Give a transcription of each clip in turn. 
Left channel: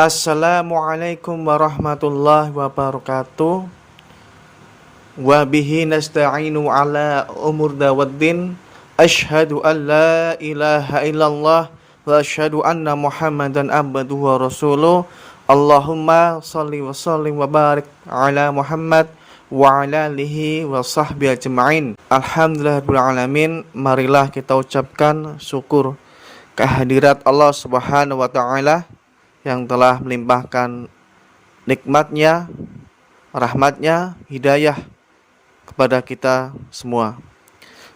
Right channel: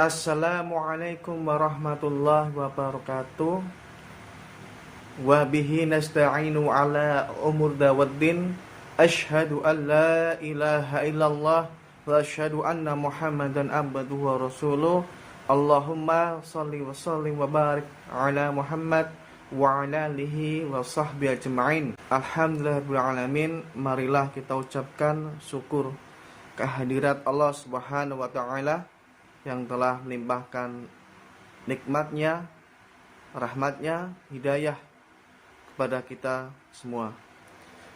Assalamualaikum warahmatullahi wabarakatuh. Wa bihi nasta'inu ala umur dawaddin. Ashhadu an la ilaha illallah wa ashhadu anna Muhammadan abduhu wa rasuluh. Allahumma salli wa sallim wa barik ala Muhammad wa ala alihi wa sahbihi ajma'in. Alhamdulillahirabbil alamin. Marilah kita ucapkan syukur kehadirat Allah Subhanahu wa taala yang telah melimpahkan nikmatnya, rahmatnya, hidayah kepada kita semua.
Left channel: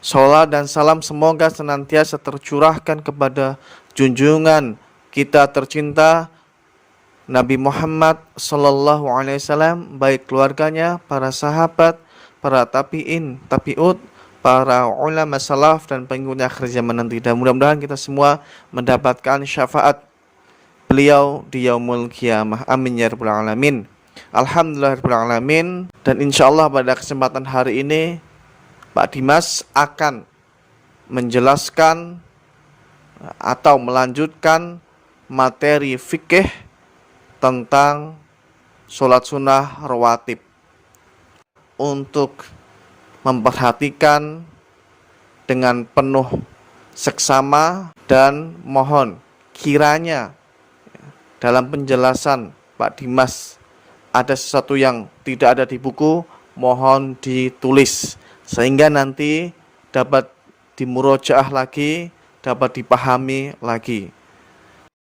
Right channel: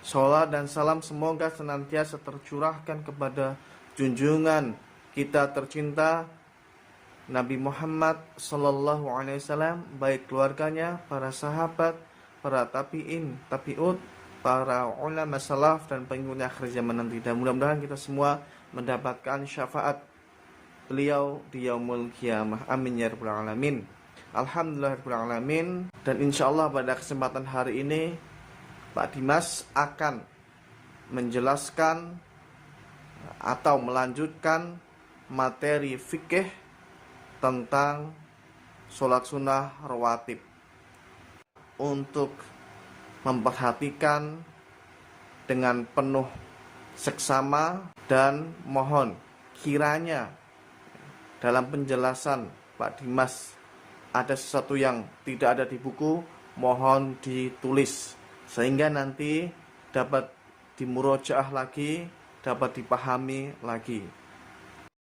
Salat dan salam semoga senantiasa tercurahkan kepada junjungan kita tercinta Nabi Muhammad sallallahu alaihi wasallam, baik keluarganya, para sahabat, para tabi'in, tabi'ut, para ulama salaf dan pengikutnya akhir zaman nanti. Dan mudah-mudahan kita semua mendapatkan syafaat beliau di yaumul qiyamah. Amin ya rabbal alamin. Alhamdulillahirabbil alamin. Dan insyaallah pada kesempatan hari ini Pak Dimas akan menjelaskan atau melanjutkan materi fikih tentang sholat sunnah rawatib, untuk memperhatikan dengan penuh seksama dan mohon kiranya dalam penjelasan Pak Dimas ada sesuatu yang tidak ada di buku, mohon ditulis sehingga nanti dapat dimurojaah lagi, dapat dipahami lagi.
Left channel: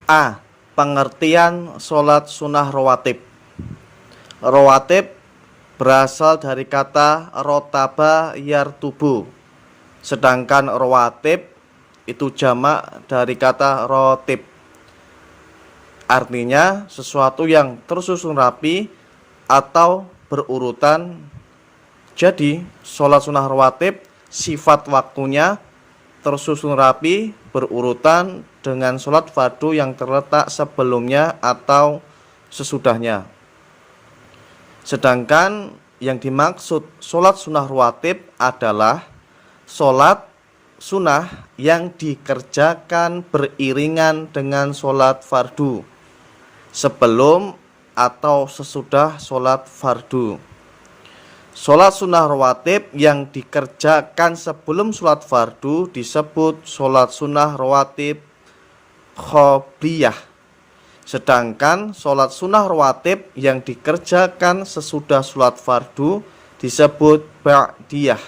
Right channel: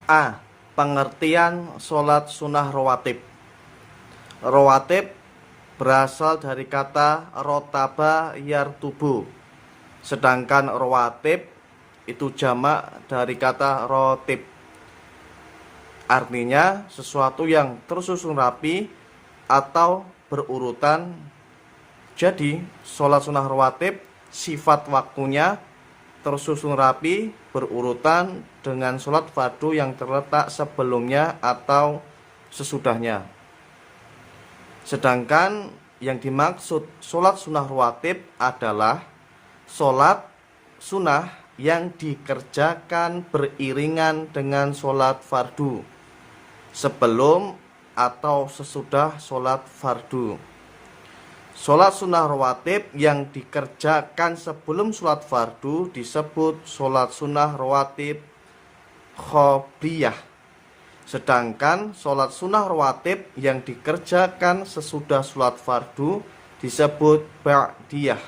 A. Pengertian sholat sunnah rawatib. Rawatib berasal dari kata rotaba yartubu, sedangkan rawatib itu jamak dari kata rotib. Artinya sesuatu yang tersusun rapi atau berurutan. Jadi sholat sunnah rawatib sifat waktunya tersusun rapi, berurutan dengan sholat fardu yang terletak sebelumnya atau sesudahnya. Sedangkan yang dimaksud sholat sunnah rawatib adalah sholat sunnah yang dikerjakan beriringan dengan sholat fardu, sebelum atau sesudah sholat fardu. Sholat sunnah rawatib yang dikerjakan sebelum sholat fardu disebut sholat sunnah rawatib qobliyah. Sedangkan sholat sunnah rawatib yang dikerjakan sesudah sholat fardu disebut ba'diyah.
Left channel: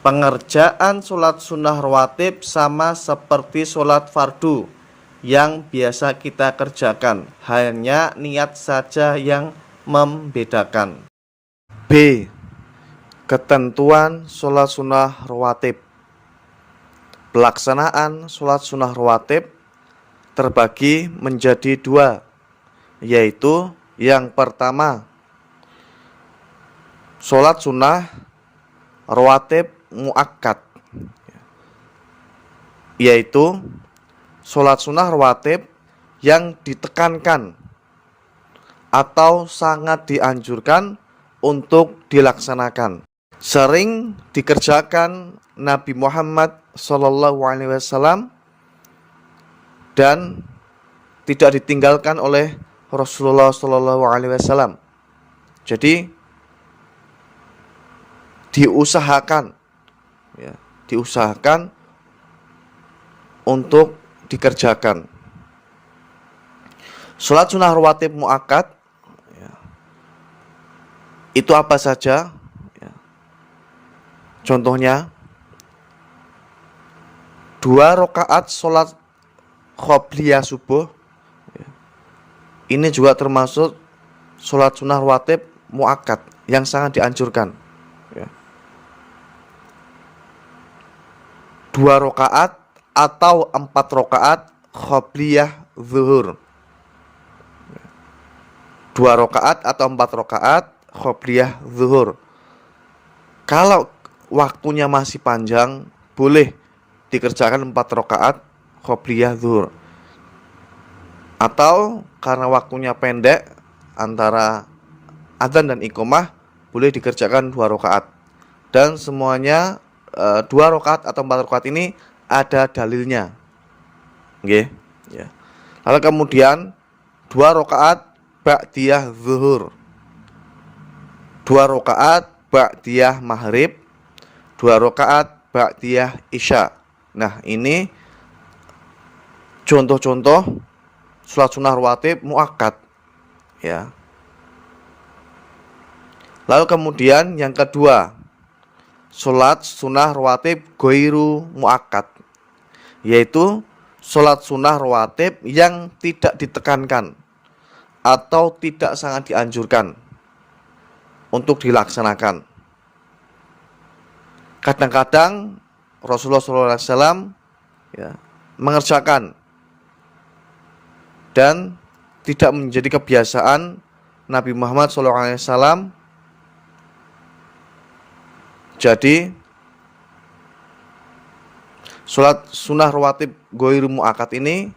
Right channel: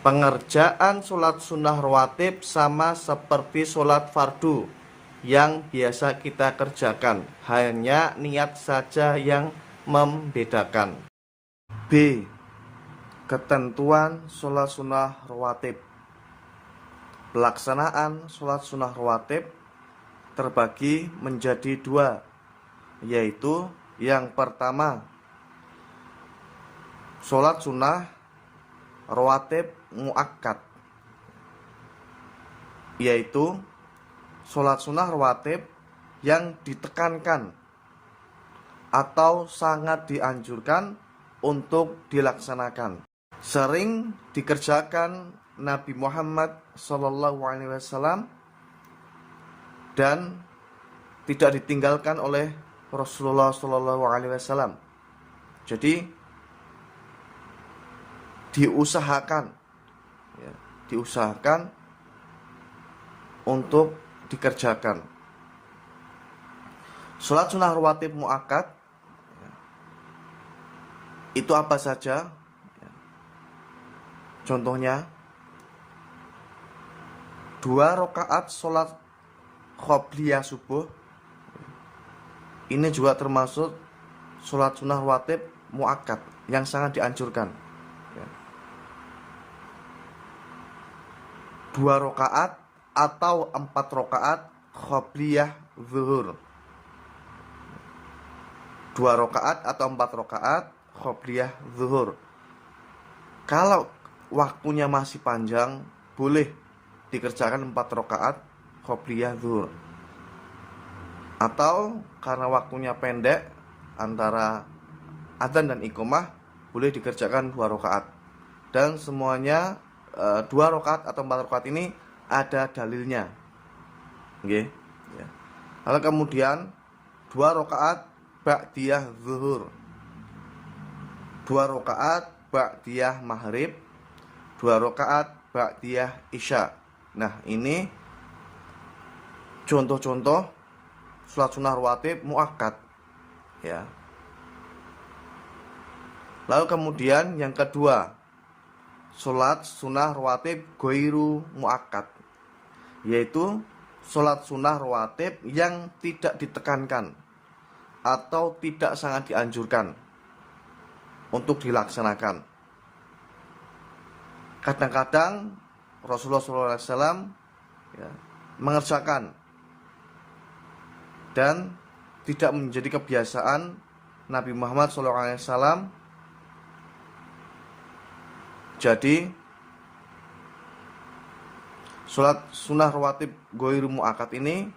Pengerjaan sholat sunnah rawatib sama seperti sholat fardu yang biasa kita kerjakan, hanya niat saja yang membedakan. B. Ketentuan sholat sunnah rawatib. Pelaksanaan sholat sunnah rawatib terbagi menjadi dua, yaitu yang pertama sholat sunnah rawatib muakkad, yaitu sholat sunnah rawatib yang ditekankan atau sangat dianjurkan untuk dilaksanakan. Sering dikerjakan Nabi Muhammad SAW dan tidak ditinggalkan oleh Rasulullah SAW. Jadi diusahakan untuk dikerjakan. Sholat sunnah rawatib muakkad itu apa saja? Contohnya 2 rakaat sholat qobliyah subuh. Ini juga termasuk sholat sunnah rawatib muakkad yang sangat dianjurkan. 2 rakaat atau 4 rakaat qobliyah zuhur. 2 rakaat atau 4 rakaat qobliyah zuhur. Kalau waktunya masih panjang, boleh dikerjakan 4 rakaat qobliyah zuhur. Atau karena waktunya pendek antara adzan dan iqamah, boleh dikerjakan 2 rakaat. Dan semuanya 2 rakaat atau 4 rakaat ini ada dalilnya. Nggih. ya. Lalu kemudian 2 rakaat ba'diyah zuhur, 2 rakaat ba'diyah maghrib, 2 rakaat ba'diyah isya. Nah, ini contoh-contoh sholat sunnah rawatib muakkad, ya. Lalu kemudian yang kedua, sholat sunnah rawatib ghairu muakkad, yaitu sholat sunnah rawatib yang tidak ditekankan atau tidak sangat dianjurkan untuk dilaksanakan. Kadang-kadang Rasulullah SAW ya, mengerjakan dan tidak menjadi kebiasaan Nabi Muhammad SAW. Jadi sholat sunnah rawatib ghairu muakkad ini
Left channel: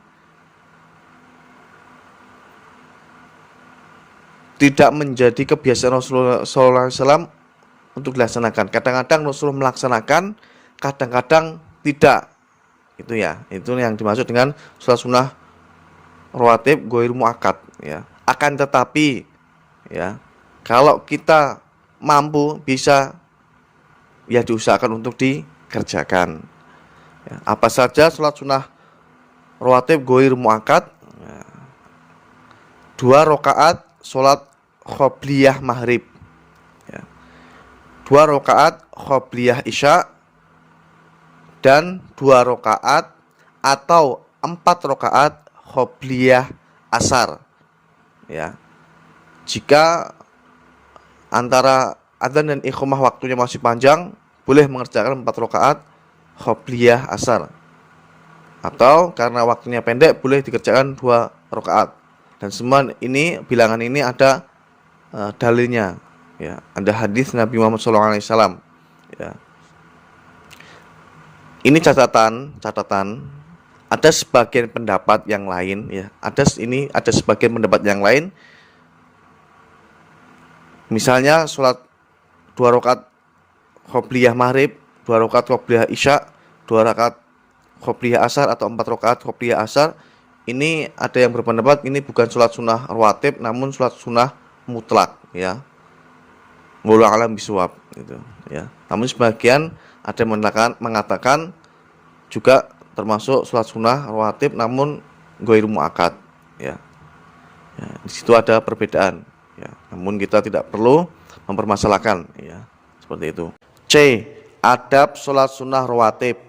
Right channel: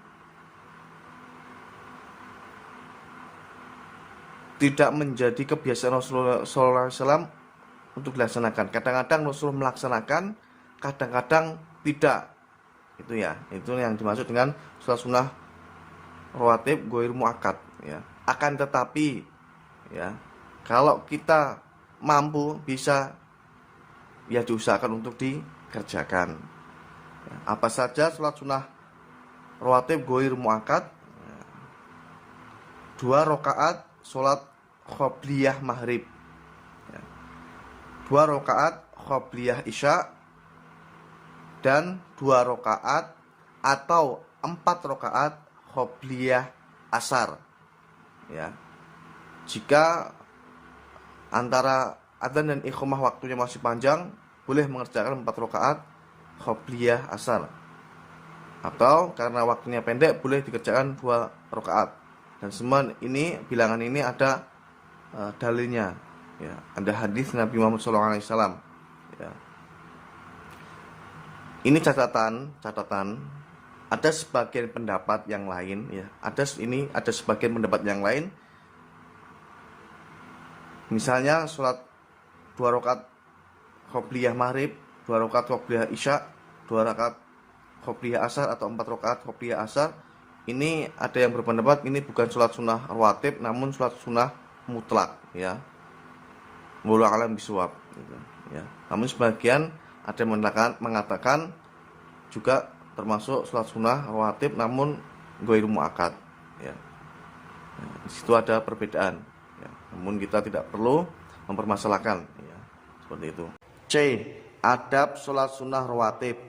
tidak menjadi kebiasaan Rasulullah SAW untuk dilaksanakan. Kadang-kadang Rasulullah melaksanakan, kadang-kadang tidak. Itu ya, itu yang dimaksud dengan sholat sunnah rawatib ghairu muakkad, ya. Akan tetapi, ya, kalau kita mampu, bisa, ya diusahakan untuk dikerjakan. Ya, apa saja sholat sunnah rawatib ghairu muakkad? 2 rakaat sholat qobliyah maghrib, ya. 2 rakaat qobliyah isya, dan 2 rakaat atau 4 rakaat qobliyah asar, ya. Jika antara adzan dan iqamah waktunya masih panjang, boleh mengerjakan 4 rakaat qobliyah asar. Atau karena waktunya pendek, boleh dikerjakan 2 rakaat. Dan semua ini, bilangan ini ada dalilnya, ya. Ada hadis Nabi Muhammad SAW, ya. Ini catatan ada sebagian pendapat yang lain, ya. Ada sebagian pendapat yang lain. Misalnya sholat 2 rakaat qobliyah maghrib, 2 rakaat qobliyah isya, 2 rakaat qobliyah asar atau 4 rakaat qobliyah asar. Ini ada yang berpendapat ini bukan sholat sunnah rawatib, namun sholat sunnah mutlak, ya. Wallahu a'lam bishawab, gitu, ya. Namun sebagian ada yang mengatakan juga termasuk sholat sunnah rawatib namun ghairu muakkad, ya. Ya, di situ ada perbedaan, ya. Namun kita tidak perlu mempermasalahkan, ya, seperti itu. C. Adab sholat sunnah rawatib.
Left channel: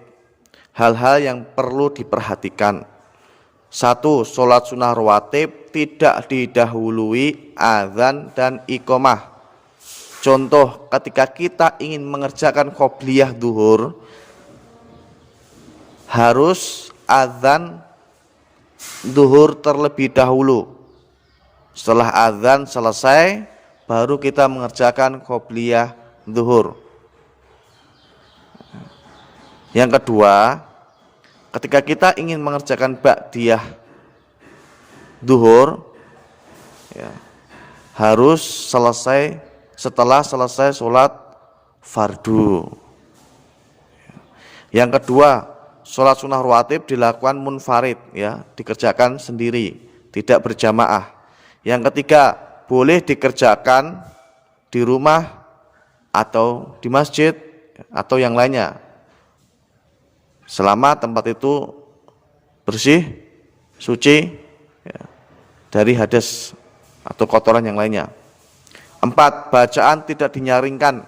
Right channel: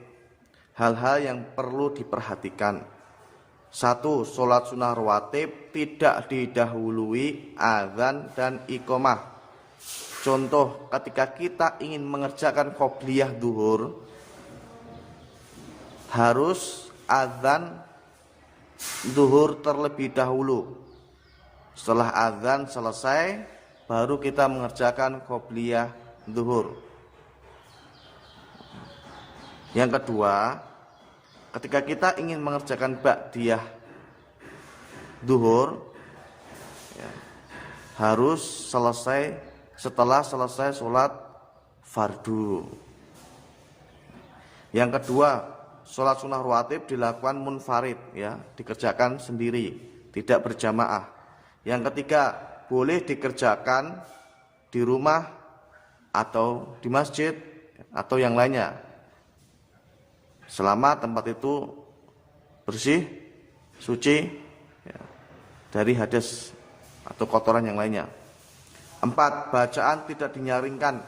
Hal-hal yang perlu diperhatikan. 1. Sholat sunnah rawatib tidak didahului azan dan iqamah. Contoh, ketika kita ingin mengerjakan qobliyah zuhur, harus azan zuhur terlebih dahulu. Setelah azan selesai, baru kita mengerjakan qobliyah zuhur. Yang kedua, ketika kita ingin mengerjakan ba'diyah zuhur, ya, harus selesai setelah selesai sholat fardu. Yang kedua, sholat sunnah rawatib dilakukan munfarid, ya, dikerjakan sendiri, tidak berjamaah. Yang ketiga, boleh dikerjakan di rumah atau di masjid atau yang lainnya, selama tempat itu bersih, suci, ya, dari hadas atau kotoran yang lainnya. 4. Bacaan tidak dinyaringkan,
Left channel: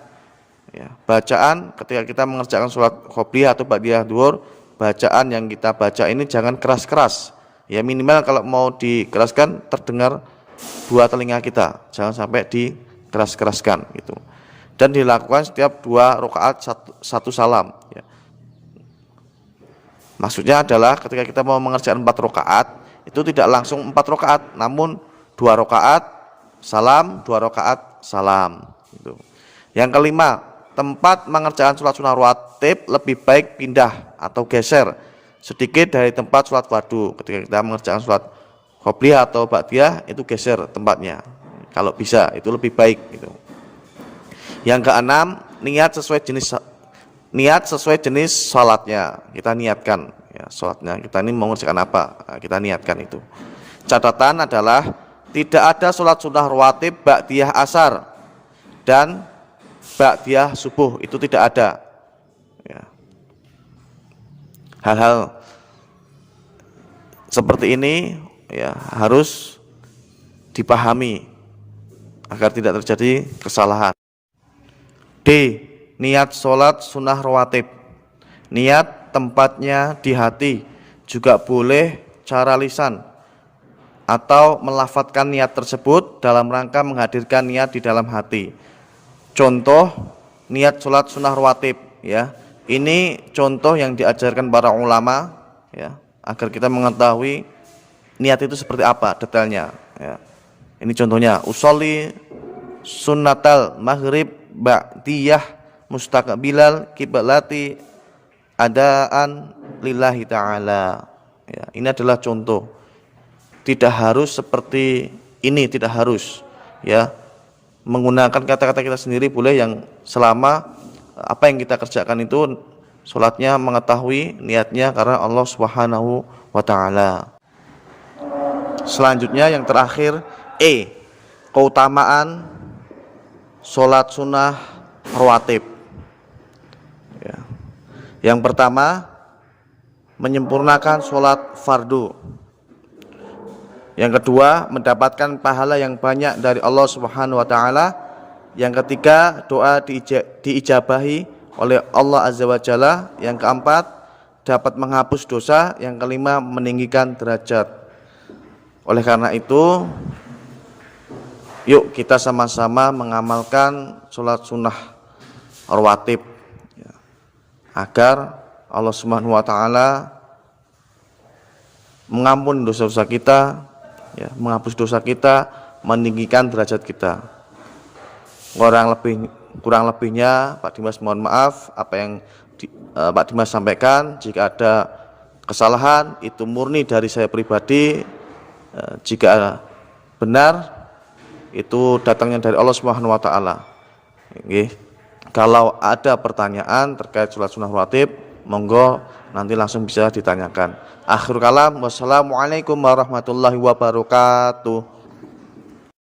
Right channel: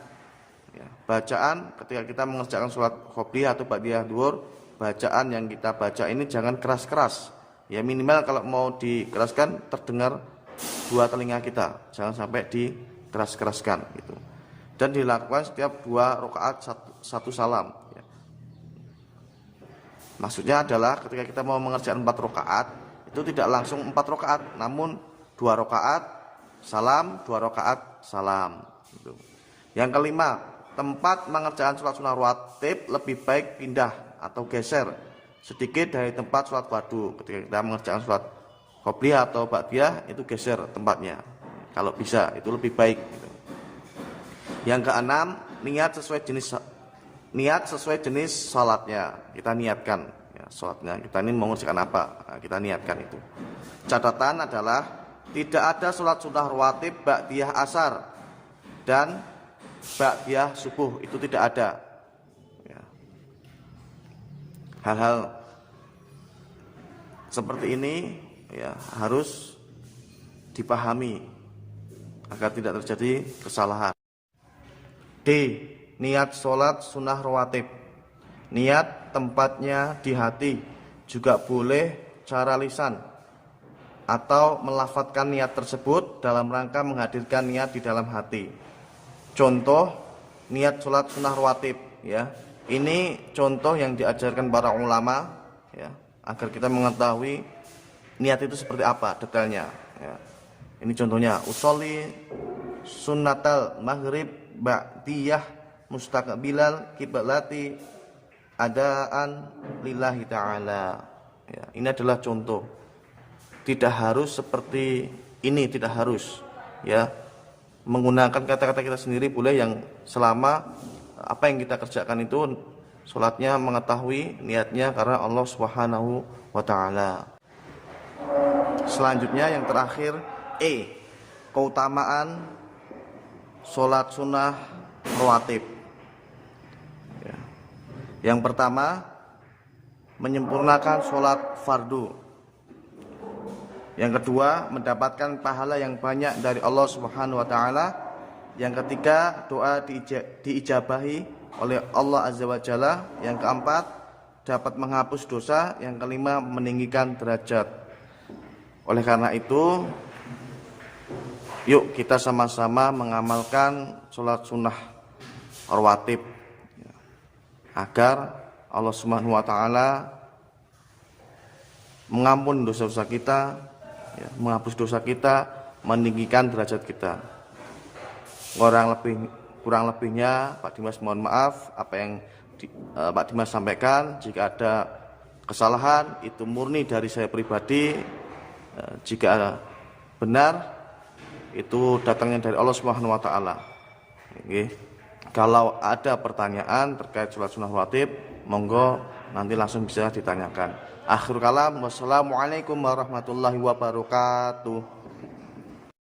ya. Bacaan ketika kita mengerjakan sholat qobliyah atau ba'diyah zuhur, bacaan yang kita baca ini jangan keras-keras, ya. Minimal kalau mau dikeraskan terdengar 2 telinga kita, jangan sampai dikeras-keraskan, gitu. Dan dilakukan setiap 2 rakaat 1 salam, ya. Maksudnya adalah ketika kita mau mengerjakan 4 rakaat, itu tidak langsung 4 rakaat, namun 2 rakaat salam, 2 rakaat salam, gitu. Yang kelima, tempat mengerjakan sholat sunnah rawatib lebih baik pindah atau geser sedikit dari tempat sholat fardu. Ketika kita mengerjakan sholat qobliyah atau ba'diyah, itu geser tempatnya, kalau bisa, itu lebih baik, gitu. Yang keenam, niat sesuai jenis salatnya, kita niatkan, ya. ya, sholatnya kita ini mengerjakan apa, nah, kita niatkan itu. Catatan adalah tidak ada sholat sunnah rawatib ba'diyah asar dan ba'diyah subuh, itu tidak ada ya. Hal-hal seperti ini ya harus dipahami agar tidak terjadi kesalahan. D. Niat sholat sunnah rawatib. Niat tempatnya di hati, juga boleh cara lisan atau melafadzkan niat tersebut dalam rangka menghadirkan niat di dalam hati. Contoh niat sholat sunnah rawatib ya. Ini contoh yang diajarkan para ulama ya, agar kita mengetahui niat itu seperti apa detailnya ya. Ini contohnya, usolli sunnatal maghrib ba'diyah mustaqbilal kiblati adaan lillahi ta'ala ya. Ini adalah contoh, tidak harus seperti ini, tidak harus ya, menggunakan kata-kata kita sendiri boleh, yang selama apa yang kita kerjakan itu sholatnya mengetahui niatnya karena Allah Subhanahu wa ta'ala. Selanjutnya yang terakhir, E. Keutamaan sholat sunnah rawatib ya. Yang pertama, menyempurnakan sholat fardu. Yang kedua, mendapatkan pahala yang banyak dari Allah Subhanahu wa ta'ala. Yang ketiga, doa diijabahi oleh Allah Azza wa Jalla. Yang keempat, dapat menghapus dosa. Yang kelima, meninggikan derajat. Oleh karena itu, yuk kita sama-sama mengamalkan sholat sunnah rawatib ya, agar Allah Subhanahu wa ta'ala mengampuni dosa-dosa kita ya, menghapus dosa kita, meninggikan derajat kita. Kurang lebihnya Pak Dimas mohon maaf apa yang Pak Dimas sampaikan. Jika ada kesalahan itu murni dari saya pribadi, jika benar itu datangnya dari Allah Subhanahu wa ta'ala. Kalau ada pertanyaan terkait sholat sunnah rawatib, monggo nanti langsung bisa ditanyakan. Akhir kalam, wassalamualaikum warahmatullahi wabarakatuh.